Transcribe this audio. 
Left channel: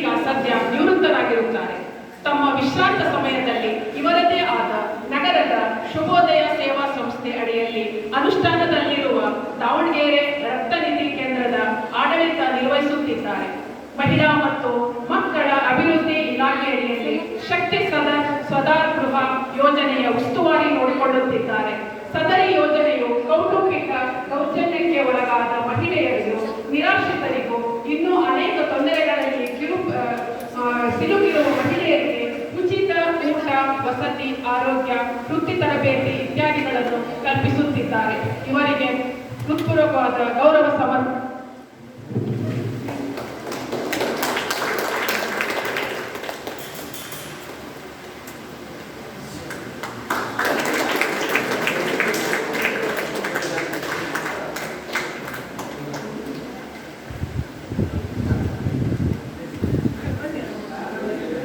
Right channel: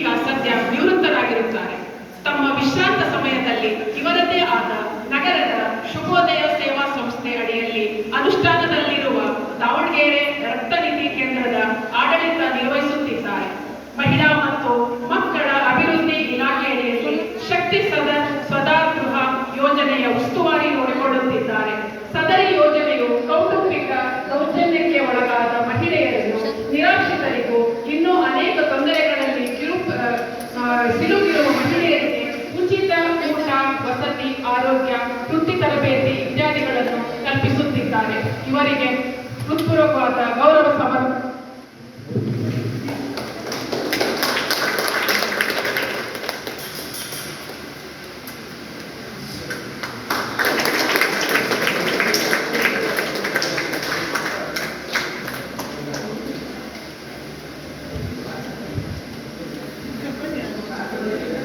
ಈಗ ಸದ್ಯ ನಿವೃತ್ತರಾಗಿರುತ್ತಾರೆ. ತಮ್ಮ ವಿಶ್ರಾಂತ ಸಮಯದಲ್ಲಿ ಇವರದೇ ಆದ ನಗರದ ಶುಭೋದಯ ಸೇವಾ ಸಂಸ್ಥೆ ಅಡಿಯಲ್ಲಿ ಅನುಷ್ಠಾನದಲ್ಲಿರುವ ದಾವಣಗೆರೆ ರಕ್ತನಿಧಿ ಕೇಂದ್ರದ ಆಡಳಿತ ನಿರ್ವಹಿಸುತ್ತಿದ್ದಾರೆ. ಮಹಿಳಾ ಮತ್ತು ಮಕ್ಕಳ ಅಭಿವೃದ್ಧಿ ಇಲಾಖೆ ಅಡಿಯಲ್ಲಿ ಶಕ್ತಿ ಸ್ವಧಾರ್ ಗೃಹ ಯೋಜನೆಯ ಉಸ್ತುವಾರಿ ನೋಡಿಕೊಳ್ಳುತ್ತಿದ್ದಾರೆ. ಸದರಿ ಯೋಜನೆಯು ಕೌಟುಂಬಿಕ ದೌರ್ಜನ್ಯಕ್ಕೆ ಒಳಗಾದ ಮಹಿಳೆಯರಿಗೂ ನಿರಾಶ್ರಿತರಿಗೂ ಇನ್ನೂ ಅನೇಕ ತೊಂದರೆಗಳಲ್ಲಿ ಸಿಲುಕಿರುವ ಮಹಿಳೆಯರಿಗೆ ಉಚಿತ ಊಟ, ವಸತಿ, ಆರೋಗ್ಯ, ವೃತ್ತಿ ತರಬೇತಿ ಇತ್ಯಾದಿಗಳನ್ನು ಕಲ್ಪಿಸುತ್ತಿದ್ದಾರೆ. ಇವರಿಗೆ ಹೃತ್ಪೂರ್ವಕವಾದ ಗೌರವ